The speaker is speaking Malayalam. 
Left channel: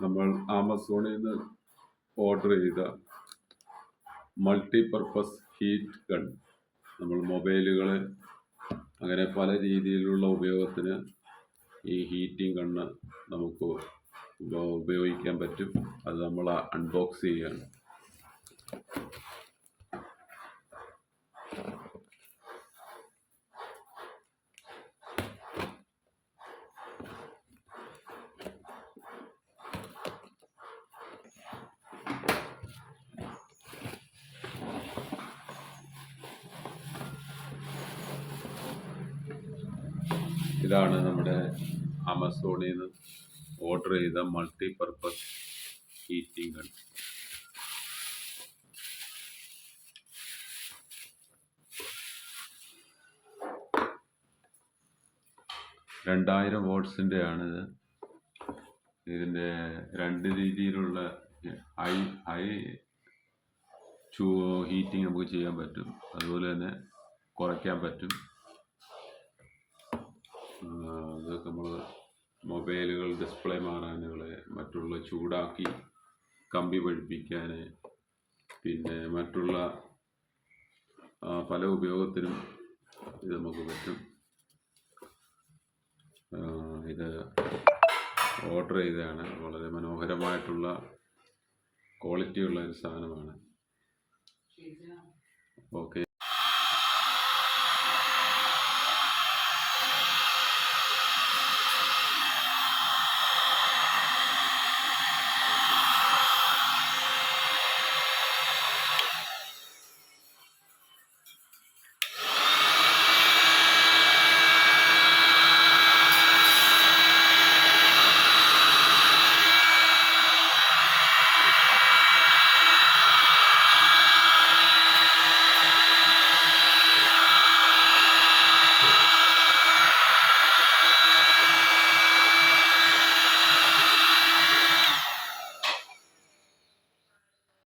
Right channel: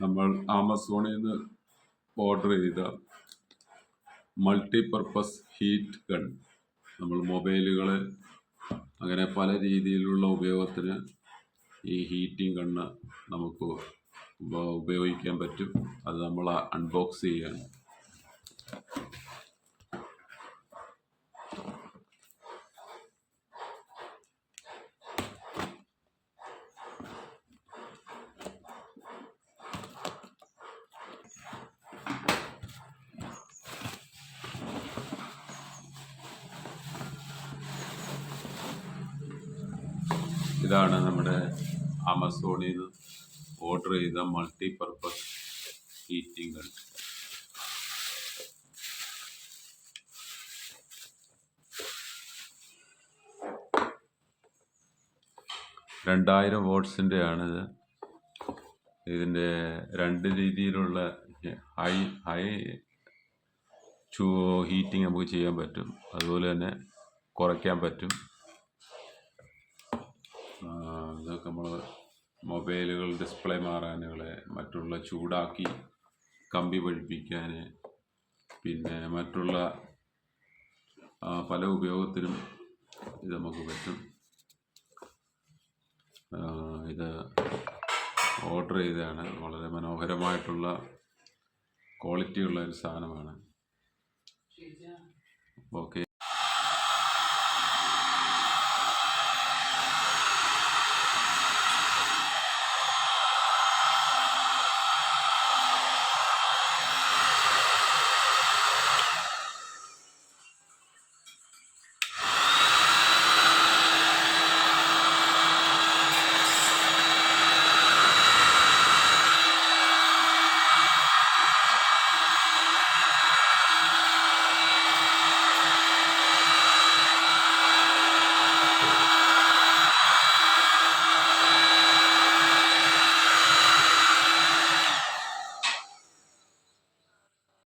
നമ്മൾ ആമസോണിൽ നിന്ന് ഓർഡർ ചെയ്ത മൾട്ടിപർപ്പസ് ഹീറ്റ് ഗൺ. നമ്മൾ മൊബൈലുകൾ അങ്ങനെ പല രീതിയിലുള്ള ഉപയോഗത്തിന് ഈ ഹീറ്റിംഗ് ഗണ്ണ് നമുക്ക് ഉപയോഗിക്കാൻ പറ്റും. അത് നമ്മൾ അൺബോക്സ് ചെയ്യാണ്. ഇതാണ് നമ്മുടെ ആമസോണിൽ നിന്ന് ഓർഡർ ചെയ്ത മൾട്ടിപർപ്പസ് ഹീറ്റിംഗ് ഗൺ. $2000 ആണിത്. ഇതിൻ്റെ രണ്ട് രീതിയിലുള്ള ഹൈ ഹീറ്റിംഗ് നമുക്ക് ചെയ്യാൻ പറ്റും, അതുപോലെ തന്നെ കുറയ്ക്കാൻ പറ്റും. ഇതൊക്കെ നമ്മൾ മൊബൈലുകൾ ഡിസ്പ്ലേ മാറാനുകൾ, മറ്റുള്ള ചൂടാക്കി കമ്പി പഠിപ്പിക്കാൻ, പിന്നെ മറ്റുള്ള പല ഉപയോഗത്തിനും ഇത് നമുക്ക് പറ്റും. ഇത് ഓർഡർ ചെയ്തതാണ്. വളരെ മനോഹരമായിട്ടുള്ള ക്വാളിറ്റിയുള്ള ഒരു സാധനമാണ്. ഓക്കെ.